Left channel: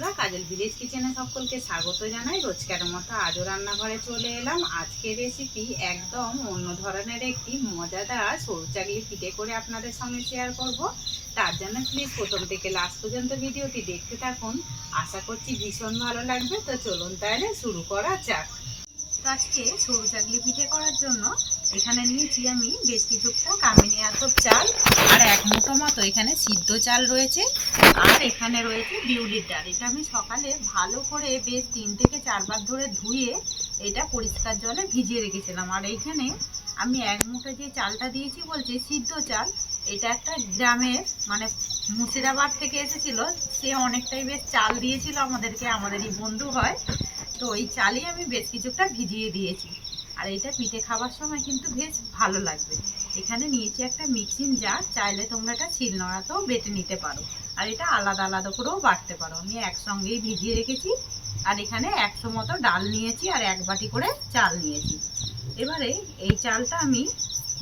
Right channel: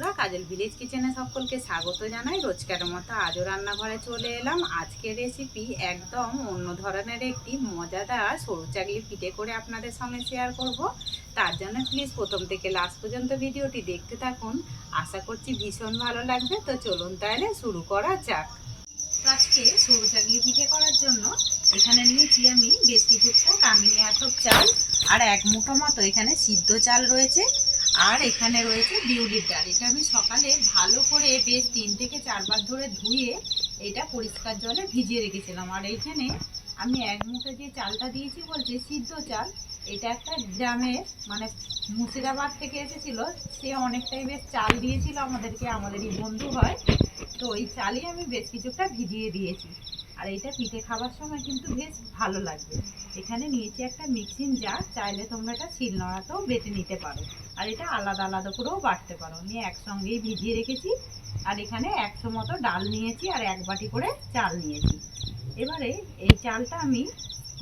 বন্ধুরা, কাজল ভিলেজ কিচেনে সকলকে স্বাগত জানাই। রোজকার মতো আজও রান্নাঘরে চলে এলাম। আজকের রেসিপি একদম অন্য ধরনের একটি মজাদার সরু চাকলি পিঠে করে আপনাদের সঙ্গে শেয়ার করব। তার জন্য প্লিজ প্রথম থেকে লাস্ট পর্যন্ত ভিডিওটি দেখতে থাকুন। আশা করছি ভীষণ ভালো লাগবে। তো চলুন তাহলে শুরু করা যাক। তো আজকে সরু চাকলি পিঠে করার জন্য এখানে নিয়েছি আমি বেশ কিছুটা কামিনী আতপ চাল, আর এক মুঠো মতো এখানে সিদ্ধ চাল রয়েছে, আর এখানে রয়েছে বিউলির ডাল। এটা আমি সকালে ভালো করে বেশ 3 থেকে 4 বার ধরে ধুয়ে এটা পরিষ্কার জলে ভিজিয়ে রেখেছিলাম। আর এইখানে আমি এক মুঠো যে চালটা দিয়েছি বলছি সিদ্ধ চাল, এটা একটা গ্রামের মানে মুর্শিদাবাদ থেকে এসেছিল, সে অনেকটাই বেশ চাল দিয়েছিল আমাদেরকে, আমাদেরই বন্ধু হয়। তো ওই চালই আমি বেশ কিছুটা ভিজিয়ে দিয়েছি। আর এটা পিঠে খাবার সময় কিন্তু বেশ ভালো লাগবে। এখানে নিয়েছি একটা মিক্সিং জার, চাইলে তোমরা এটা শিলনোড়াতেও বেটে নিতে পারো, আর এটা আলাদা আলাদা করেও বাটতে পারো। আমি একসঙ্গেই ভিজিয়ে রেখেছি। আর এখানে 100 মতো ডাল নিয়েছি, আর 1 বাটি করে চাল নিয়েছি। এবারে এই চালটা আমি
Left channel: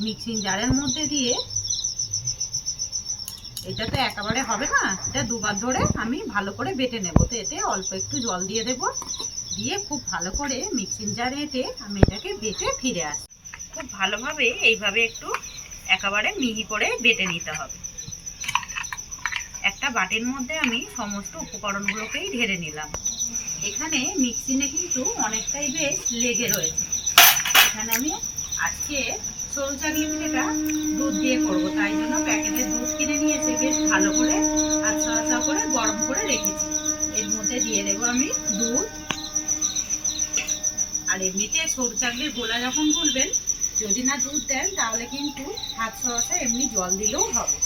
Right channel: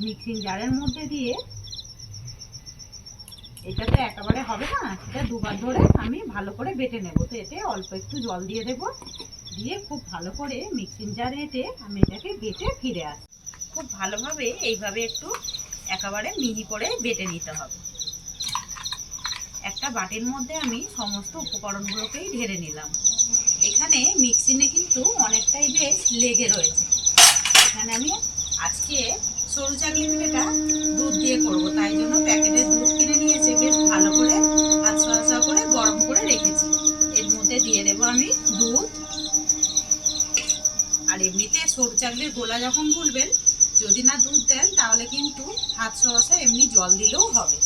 মিক্সিং জারের মধ্যে দিয়ে, এটা তো একেবারে হবে না, এটা দুবার ধরে আমি ভালো করে বেটে নেব। তো এতে অল্প একটু জল দিয়ে দেবো, দিয়ে খুব ভালো করে মিক্সিং জারে এঁটে আমি এটাকে বেটে ফিরে আসি। খুব ভালোভাবে এইভাবে একটু একেবারে মিহি করে বেটে নিতে হবে। একটা বাটির মধ্যে আমি সমস্ত উপকরণগুলোকেই ঢেলে নিলাম। এখানে মিক্সিনে কিন্তু অনেকটাই বেশ লেগে রয়েছে। এখানে আমি আজকে সরু চাকলি পিঠেটা দুধ দিয়ে করব, তাই জন্য প্যাকেটের দুধ কিনে নিয়ে এসে বেশ ভালো করে আস্তে আস্তে করে গরম করে রেখেছি। এর মধ্যে দিয়ে দেবো আমি দুধ। আর এমনিতে সরু চাকলির গোলা যখন গুলবেন, যদি না দুধ দেন তাহলে কিন্তু হাত সহসা এমনি জল দিলেও হবে,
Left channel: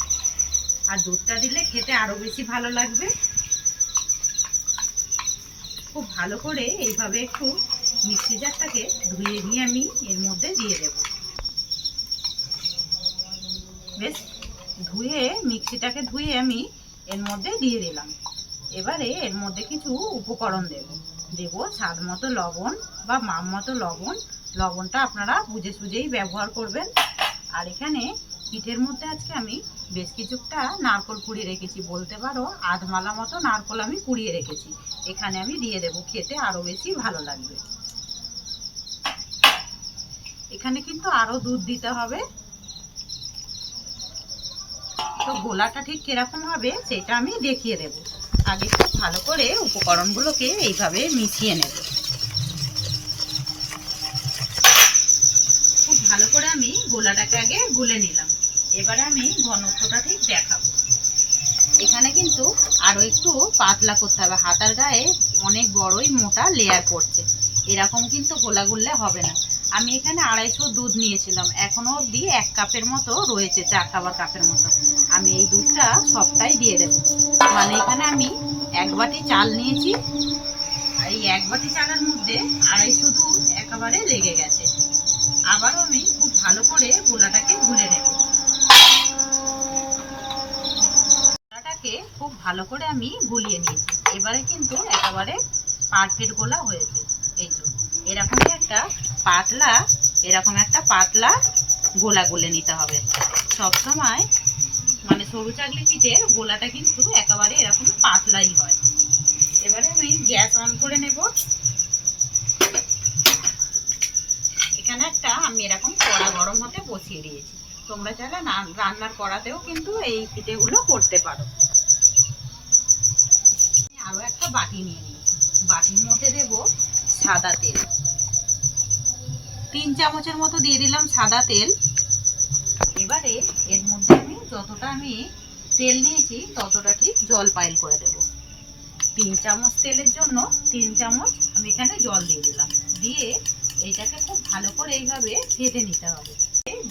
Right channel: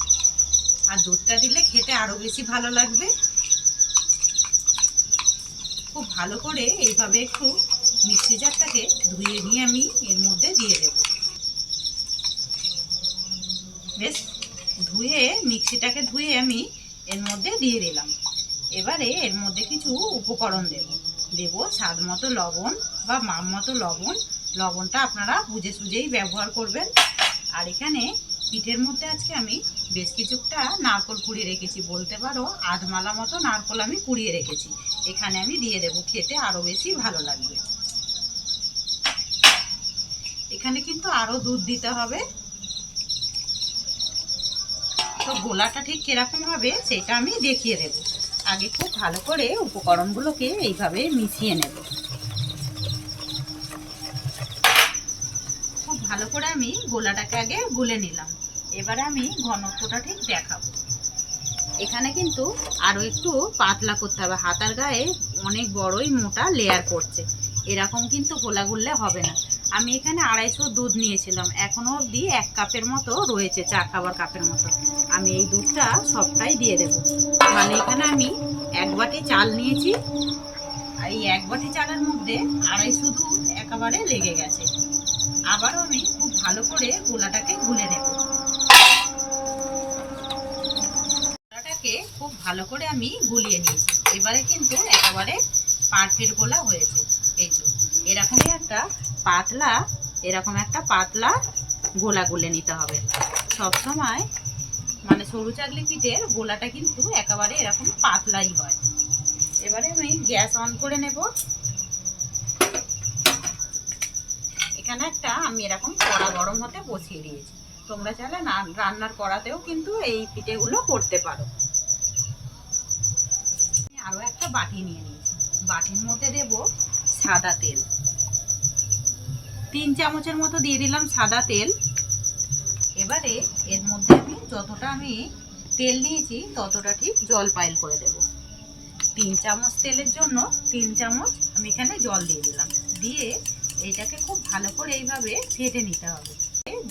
আর দুধটা দিলে খেতে আরো বেশি ভালো লাগবে। খুব ভালো করে এইভাবে একটু মিক্সি জারটাকে ধুয়ে নিয়ে আমি এর মধ্যে দিয়ে দেব। বেশ ধুয়ে মিক্সিটাকে ধুয়ে আমি এর মধ্যে দিয়ে দিলাম। এবারে এর মধ্যে কিছু উপকরণ দেব স্বাদ মতো লবণ বা মাপ মতো লবণ। লবণটা আপনারা বুঝে সুঝেই ব্যবহার করবেন। আর এখানে পিঠের মধ্যে আজকে আমি বেশ কিছুটা নারকোল কুড়িয়ে রেখেছি, বলতে পারো আধমালা মতো নারকোল আমি কুড়িয়ে রেখেছি। এখানে আমি দিয়ে দেব, খেতে আরো বেশি ভালো লাগবে। এখানে কিন্তু আরো দুধ দিতে হবে। তো গোলাটা ঠিক কিরকম হবে সেটা আমি দেখিয়ে দেব। আগে খুব ভালো করে উপকরণগুলোকে এইভাবে মিশিয়ে নেব। খুব ভালো করে আমি গোলাটাকে আগে গুলে নিলাম। এবারে আমি ঘনত্বটা ঠিক দেখাবো। এখানে কিন্তু আরো একটু পাতলা করতে হবে, হাতার গায়ে অনেক বড়ই মোটা লেয়ার পড়ছে, এরকম কিন্তু গোলা গুললে হবে না। আমি এখানে 250 দুধ নিয়েছিলাম, এখনো অবধি 1 কাপের মতো রয়েছে, চা খাবার কাপের মতো। আমি এই দুধটা সবটাই দিয়ে দেব। মানে এখানে আমি 1 বাটি চাল নিয়েছি, আর এই 1 বাটি চালের মধ্যে 250 দুধ একেবারে লেগে গেছে। আবারও আমি খুব ভালো করে গোলাটাকে গুলে নেব। গোলাটাকে খুব ভালো করে আমি গুলিয়ে নিয়েছি। এবারে কিন্তু একেবারে পারফেক্ট গোলা হয়েছে। এই তো এরকমই একটা পাতলা গোলা গুলে নিতে হবে। সব সময় মানে সরু চাকলি পিঠের গোলাটা কিন্তু একেবারে এরকম পাতলাই হয়। এবারে আমি গ্যাস অন করে নেব। এখানে একটা আমি এরকম কড়া গরম হতে বসিয়ে দিয়েছি। তোমরা চাইলে রান্নার কড়াতেও কিন্তু এই পিঠেগুলো করতে পারো। আরো একটা বাটি নিয়ে নিয়েছি, বাটির মধ্যে দেব সাদা তেল। 3 চামচের মতো দিয়ে দিলাম সাদা তেল। এবারে এর মধ্যে আমি যতটা আমি তেল নিয়েছি ততটা ঠিক জল পাইল করে দেব। 3 চামচ তেলের জন্য 3 চামচ আমি এখানে জল দিয়ে দিলাম। দিয়ে এইটাকে খুব ভালো করে এইভাবে ফেটে নিতে হবে।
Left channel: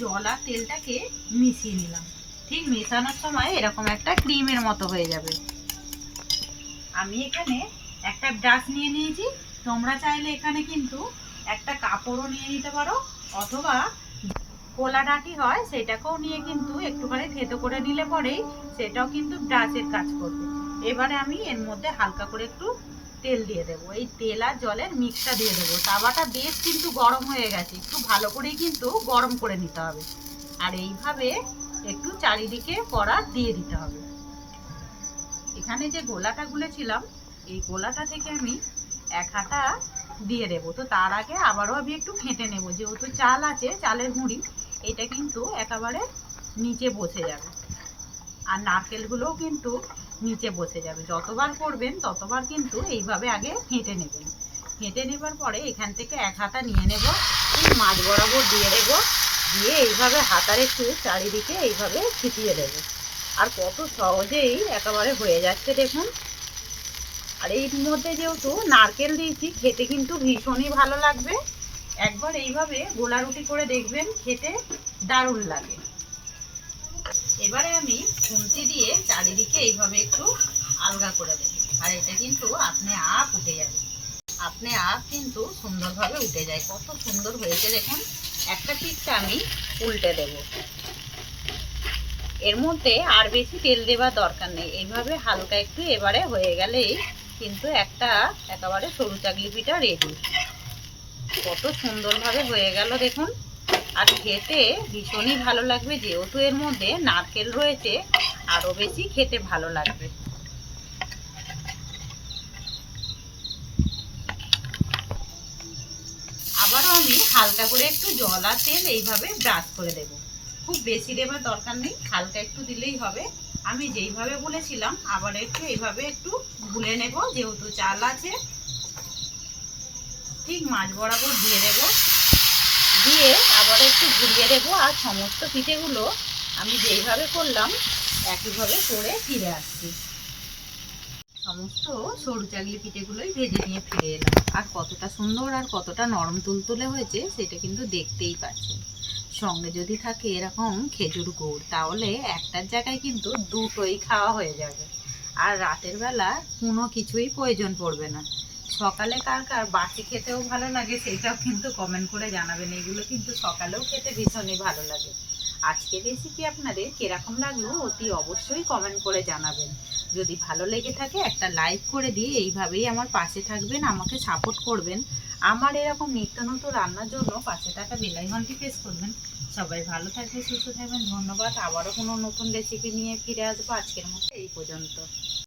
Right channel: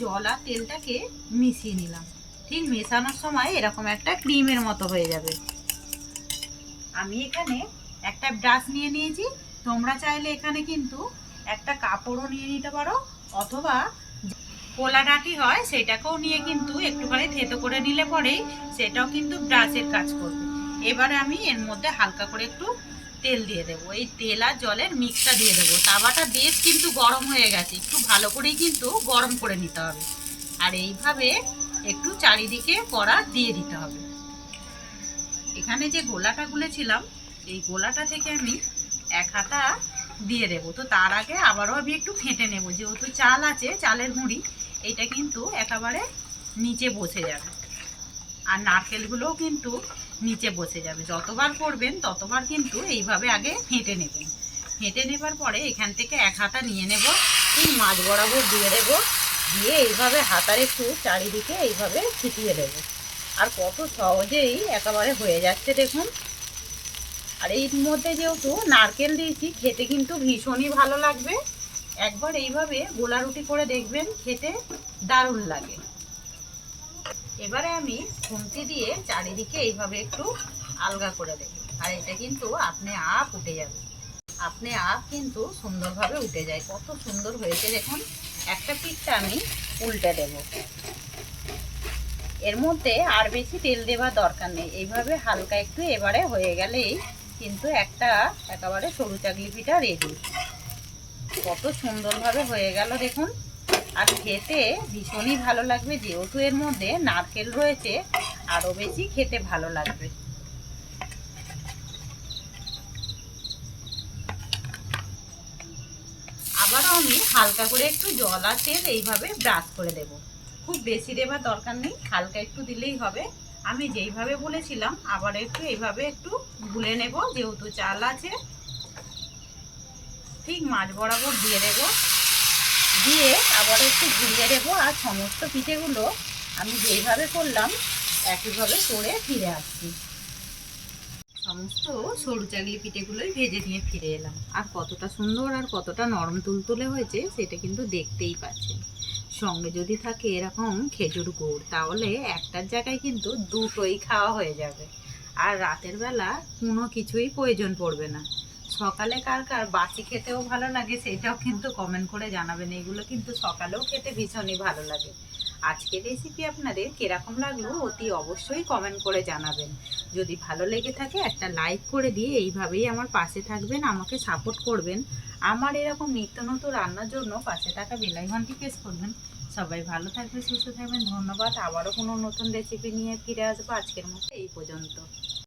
জল আর তেলটাকে মিশিয়ে নিলাম। ঠিক মেশানোর সময় এরকম একটা ক্রিমের মতো হয়ে যাবে। আমি এখানে একটা ব্রাশ নিয়ে নিয়েছি, তোমরা চাইলে এখানে কিন্তু একটা কাপড়ও নিয়ে নিতে পারো, অথবা কোলা ডাঁটি হয় সেটাকেও নিয়ে কিন্তু একটুখানি থেতো করে নিলে পরেই সেটাও কিন্তু ব্রাশের কাজ করবে। এবারে আমি এর মধ্যে হালকা করে একটু তেল দিয়ে দেবো। এই তেল আর জলের মিক্সটা দিয়ে দেবো। তাওয়াটা বেশ কিন্তু গরম হয়ে গেছে, একটু ভালো করেই কিন্তু গরম করে নিতে হবে। আর এইভাবে একটু চারিদিকে কড়া দিয়ে দিতে হবে। এখানে যে গোলাটা গুলেছিলাম এই গোলাটা থেকে আমি 1 হাতা দিয়ে দেবো। তো তার আগে আবারও আমি একটু ফেটে নেব, যেহেতু চাল আছে, চালের গুঁড়ি এটা কিন্তু একেবারে নিচে বসে যাবে, আর নারকেলগুলোও কিন্তু নিচে বসে যাবে। যতবার করবেন ততবার কিন্তু এইভাবে আগে ফেটে নেবেন। ফেটে নেবার পরে এখান থেকে 1 হাতা নিয়ে নেব, ঠিক মাঝ বরাবর দিয়ে দেব, দিয়ে এইভাবে হাতার একটু চারিদিকে এইভাবে ছিটিয়ে দেব। আর কত সহজেই একেবারে হয়ে যাচ্ছে দেখুন। আর এর মধ্যে যেহেতু নারকেল দিয়েছি, খেতে কিন্তু ভীষণই ভালো লাগবে। একবার এইভাবে গোলা রুটি করে দেখবেন, খেতে দারুণ লাগে। এবারে আমি খুন্তি দিয়ে চারিদিকে এইভাবে একটু আলগা করে দেব, আর এটা কিন্তু আপনি আপ উঠে যাবে, আপনি আপ কিন্তু সুন্দরভাবে উঠে যায়। কত সুন্দর হয়েছে দেখুন। একটা পিঠটা আমি উল্টে দেব। এর মধ্যে আর বেশি তেল দেওয়ার দরকার নেই, এইভাবে হালকা একটু এবারে হয়ে গেলেই কিন্তু একেবারে সরু চাকলি পিঠা রেডি। কত সুন্দরভাবে হয়ে গেল দেখুন। আর খেতে ভীষণই ভালো লাগবে, যেহেতু এর মধ্যে নারকেল রয়েছে আরও বেশি খেতে ভালো লাগবে। আবারও আমি হালকা করে একটু জল আর তেল এইভাবে ব্রাশ করে দেব। খুব বেশি দেবার দরকার নেই, হালকা একটু দিলেই হবে। আমি যেইভাবে বলেছিলাম আবার একটু এইভাবে একটু গুলে নেব, যেহেতু চাল আছে। ঠিক মাঝ বরাবর দিয়ে দেব, দিয়ে আবার একটু ঘুরিয়ে দেবো। আর সমস্ত পিঠেগুলো আমি যেইভাবে করলাম একইভাবে করে ফিরে আসছি। সমস্ত সরু চাকলি পিঠেগুলোই ভেজে নিয়ে ফিরে এলাম। আর কতটা সুন্দর আর কতটা নরম তুলতুলে হয়েছে সেটা কিন্তু দেখতেই পাচ্ছেন। সঙ্গে যদি থাকে এরকম খেজুর গুড়, তাহলে একটার জায়গায় কিন্তু দুটোই খাওয়া হয়ে যাবে। আর রাতের বেলা কোনো কিছুই প্রয়োজন পড়বে না। সকালে কার কার বাসি খেতেও ভালো লাগে সেটাও কিন্তু কমেন্ট করে জানাবেন। এগুলো কিন্তু সকালেও খেতে ভীষণই ভালো লাগে। আজকের রেসিপি আপনাদের কিরকম লাগলো অতি অবশ্যই কমেন্ট করে জানাবেন। যদি ভালো লেগে থাকে একটা লাইক করে দিয়ে এইভাবেই আমার পাশে থাকবেন, আমাকে সাপোর্ট করবেন। আমার এরকম নিত্য নতুন রান্নার জন্য পাশে থাকা বেল আইকনটি প্রেস করবেন। সবাই ভালো থাকবেন, সুস্থ থাকবেন। ধন্যবাদ। আবারও কোনো নতুন রেসিপি নিয়ে ফিরে আসবো। আজকের মতো এই পর্যন্ত।